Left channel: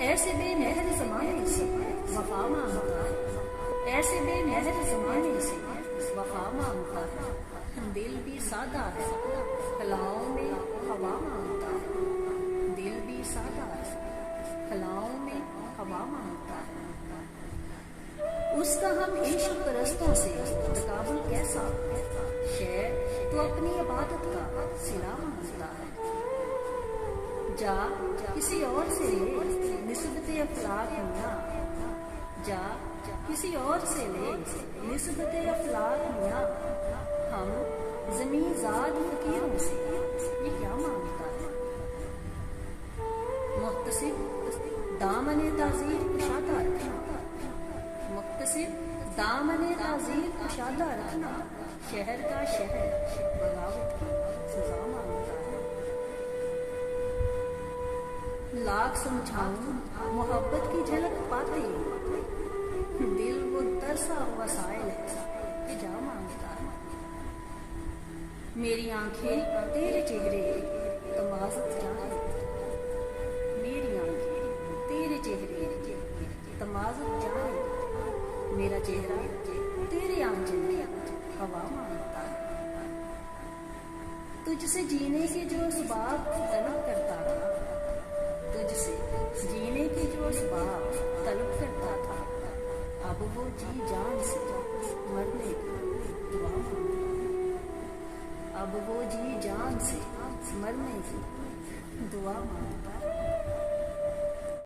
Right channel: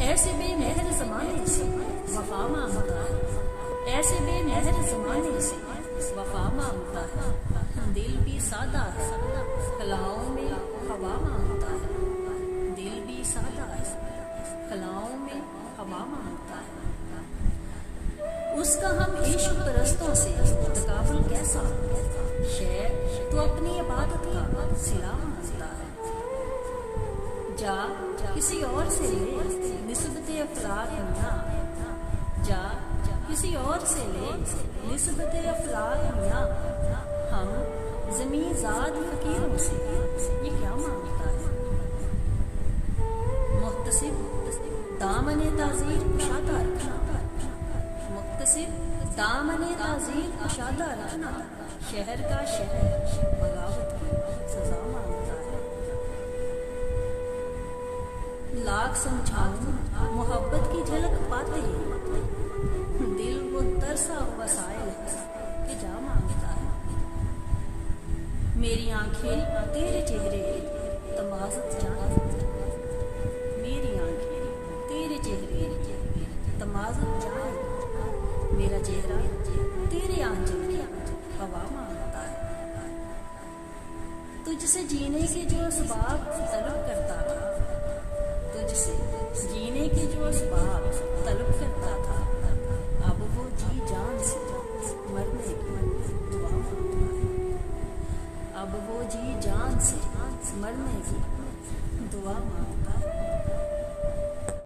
ऐसे बेमेहर ज़माने से वफा मांगता है, ऐसे बेमेहर ज़माने से वफा मांगता है। दिल भी सादा है, कलाओं में हवा मांगता है। दिल भी सादा है, कलाओं में हवा मांगता है। उसका हम इश्क परस्तों से तकाबुल कैसा, शेर तो अपनी इबादत का सिला मांगता है। जा किसी और से ले निस्बते अफलाक मियां, जा किसी और से ले निस्बते अफलाक मियां। हम ज़मीन ज़ाद फकीरों से ये क्या मांगता है। मुख्तसिब दामने ताज़ीर कुशादा रखना, मुख्तसिब दामने ताज़ीर कुशादा रखना। शहर का शहर बगावत की सजा मांगता है। लाख समझाऊं मोहब्बत की झलक पाते ही दिल वो तरसा हुआ साइल कि जा मांगता है। मेरी आंखें तेरे चेहरे तमाज़त जाने, मेरी आंखें तेरे चेहरे तमाज़त जाने। मेरा चेहरा तेरे आंचल की हवा मांगता है। तुझसे जीने के जो असबाब तलब करता था, तुझसे जीने के जो असबाब तलब करता था, अब वो जी जान से मरने की दुआ मांगता है। अब वो जी जान से मरने की दुआ मांगता है।